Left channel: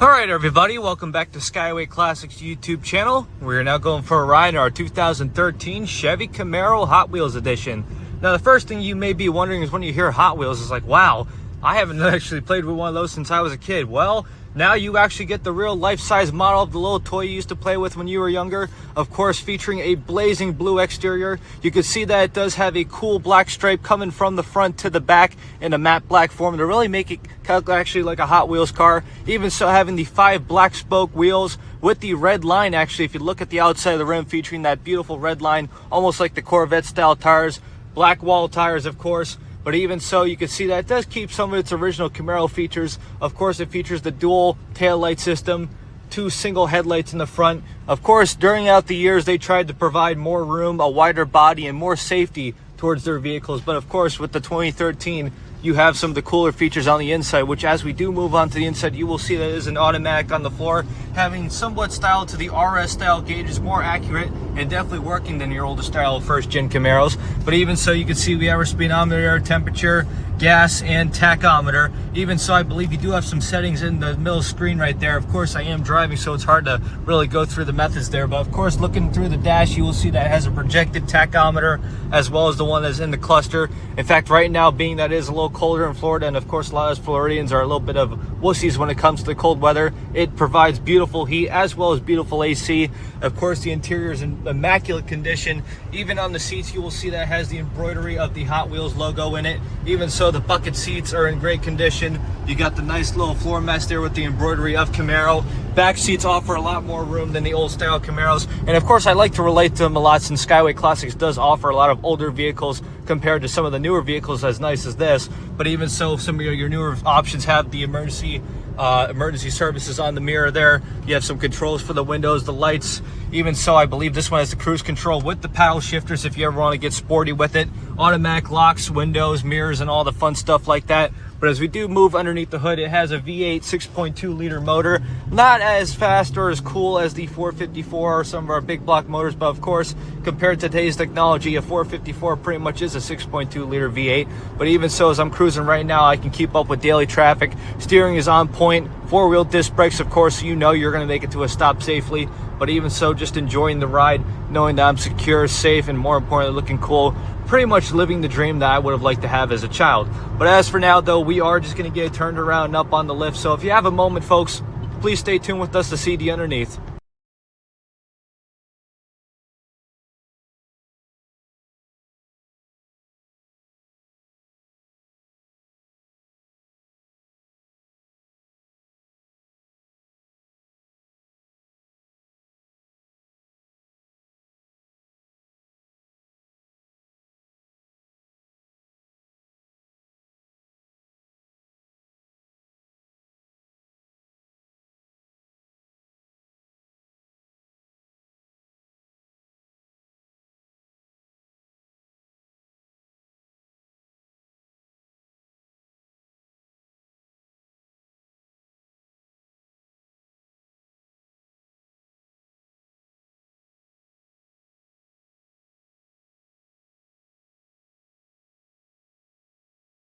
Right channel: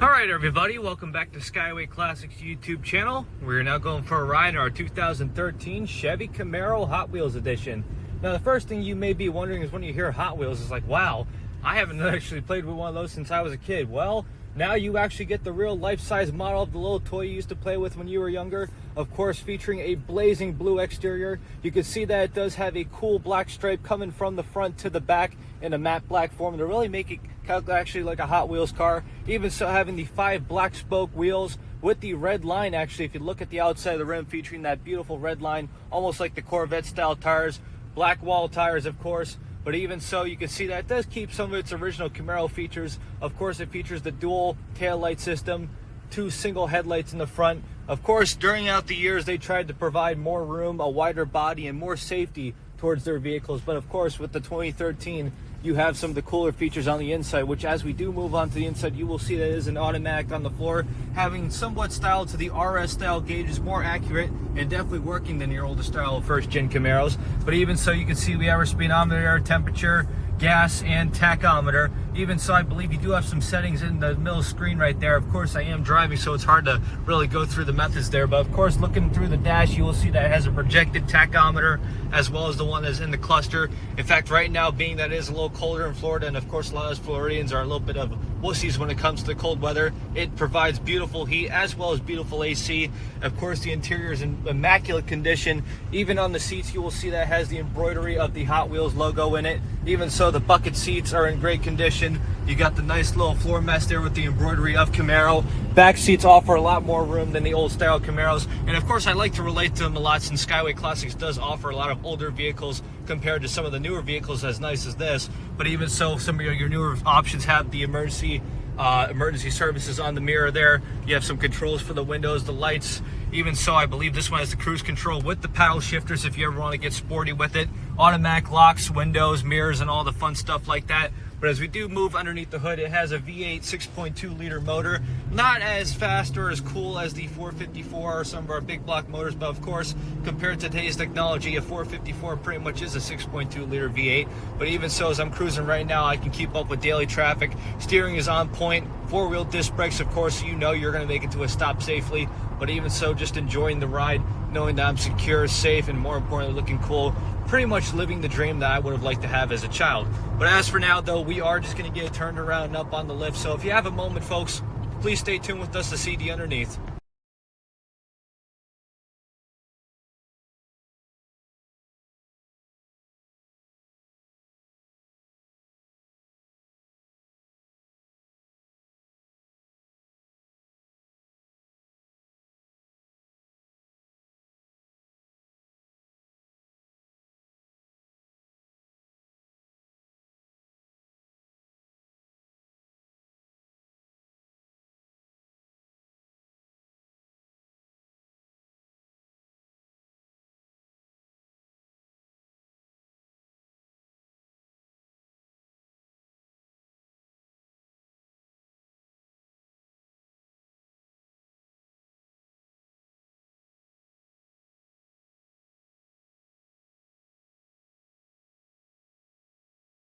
Alright everybody, welcome back to Skyway Classics YouTube channel. We're now going for a ride in our 2013 Chevy Camaro Hot Wheels edition. Now the first thing you may be wondering is when you hear Hot Wheels, it's like, wow, I haven't actually played with one of those since I was a kid. Well, now you actually get the real life-size model of the little toy you used to play with when you were younger. Of course, featuring a blazing blue exterior. You can see that it does have a cool black stripe coming from the front to the back in a matte black form to really make it actually like a Hot Wheels car. Even so, having the 5 black spoke wheels with the red line, actually, if you look at the outside of the rim, featuring that beautiful red line, almost like the Corvette style tires. Black wall tires, of course. But even so, you can see that it does keep some of its original Camaro features. Of course, it features the dual taillight system, 2 single headlights in the front. Of course, during the years, they tried to provide more room, a wider body, and more safety towards their vehicles. But of course, with the 2013, you have some of the cooler features on the inside, which as we do move on to the inside, you will see that it is an automatic on the floor, having somewhat styled to the RS style gauges, more accurate and definitely working than your older style first gen Camaros. But even so, you can see we have our speedometer, temperature, gas, and tachometer. Even so, I believe you do have some settings in the middle screen right there. Of course, I am driving, so it's hard to really go through the methods there. But of course, looking through the dash, you will see that it has a projected tachometer as well as the one that's in the cluster. In fact, right now, being that it is a little colder in Florida, and of course, a lot of Floridians are a little bit of wussies when it comes to the cold weather, it provides beautiful heat as well as beautiful AC. Of course, the interior is in immaculate condition. Even on the seats, you will see that it has the embroidery of the Hot Wheels logo in it. Even so, the bucket seats are in great condition. You got the nice little floor mats there with the embroidery of Camaro. Back seats offer a lot more room than the old style Camaros. And of course, I like to relate to them a lot since Skyway Classics does offer a lot of older vehicles compared to some of the newer vehicles as nice as this. But even so, some of your newer options have the emergency services on the mirror there. You have some controls for the windows, the lights. Even so, I believe this one has the cruise control with the paddle shifters if you ever want to get sporty with it. Automatic locks, windows, mirrors, and all the fun stuff like that. But as we do move underneath the hood, it has a V8 6.2 liter motor. Not as fast or as cool as the 454 or some of our big block motors, but of course, compared to today's technology, a 454 pretty much is a 6.2 liter V8. But even so, as I'm cruising right now, I can keep up with daily traffic. Steering is on point. 4-wheel disc brakes, of course, so you know you're going to make it to a stop safely. But even so, just enjoying the ride, knowing that I'm secure, safe, and more importantly, looking cool. Pretty much living the dream that I would have liked to have as a child. But as for now, though, we are just going to get turned around and up on the lift. So if you have a moment, folks, please stay tuned with us to see the underneath.